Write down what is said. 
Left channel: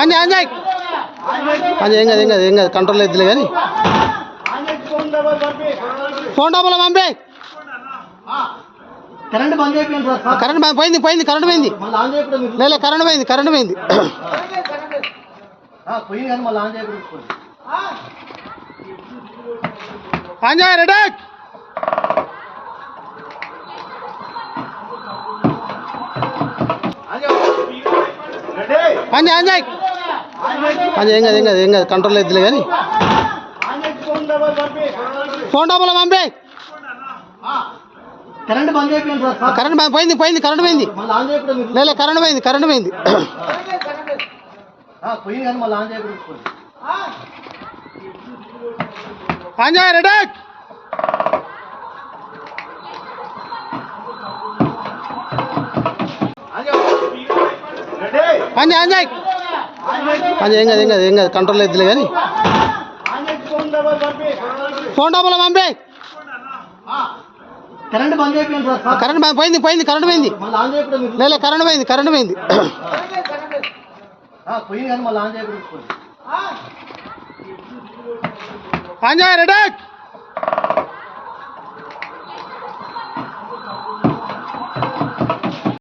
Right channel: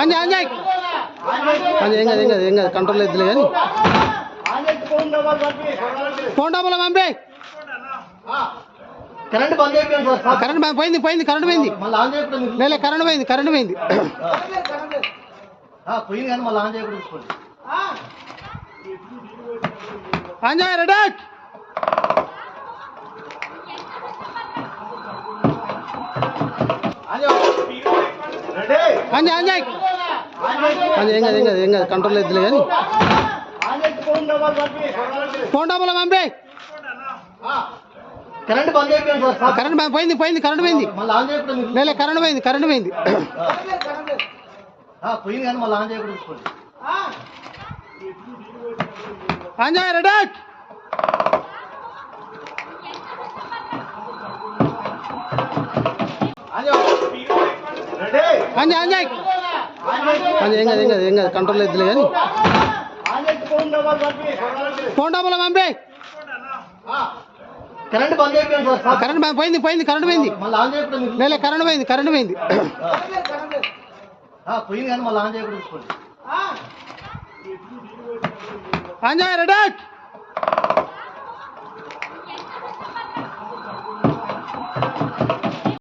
అంజయ్ అంజయ్ అది ఏం కాదు కంట్రోల్ అవుతుంది కానీ ఫోన్ డబ్బులు పంపే కరెంట్ బంద్ అయిపోయింది సార్. కరెంట్ పోయింది కరెంట్ పోయింది లేదు కరెంట్ పోయింది పోయింది కానీ మళ్ళీ ఆన్ చేయకూడదు. అంజయ్ రెడీ అంజయ్ అంజయ్ అది ఏం కాదు కంట్రోల్ అవుతుంది కానీ ఫోన్ డబ్బులు పంపే కరెంట్ బంద్ అయిపోయింది సార్. కరెంట్ పోయింది కరెంట్ పోయింది మళ్ళీ ఆన్ చేయకూడదు. లేదు కరెంట్ పోయింది పోయింది కానీ మళ్ళీ ఆన్ చేయకూడదు. అంజయ్ రెడీ అంజయ్ అంజయ్ అది ఏం కాదు కంట్రోల్ అవుతుంది కానీ ఫోన్ డబ్బులు పంపే కరెంట్ బంద్ అయిపోయింది సార్. కరెంట్ పోయింది కరెంట్ పోయింది మళ్ళీ ఆన్ చేయకూడదు. లేదు కరెంట్ పోయింది పోయింది కానీ మళ్ళీ ఆన్ చేయకూడదు. అంజయ్ రెడీ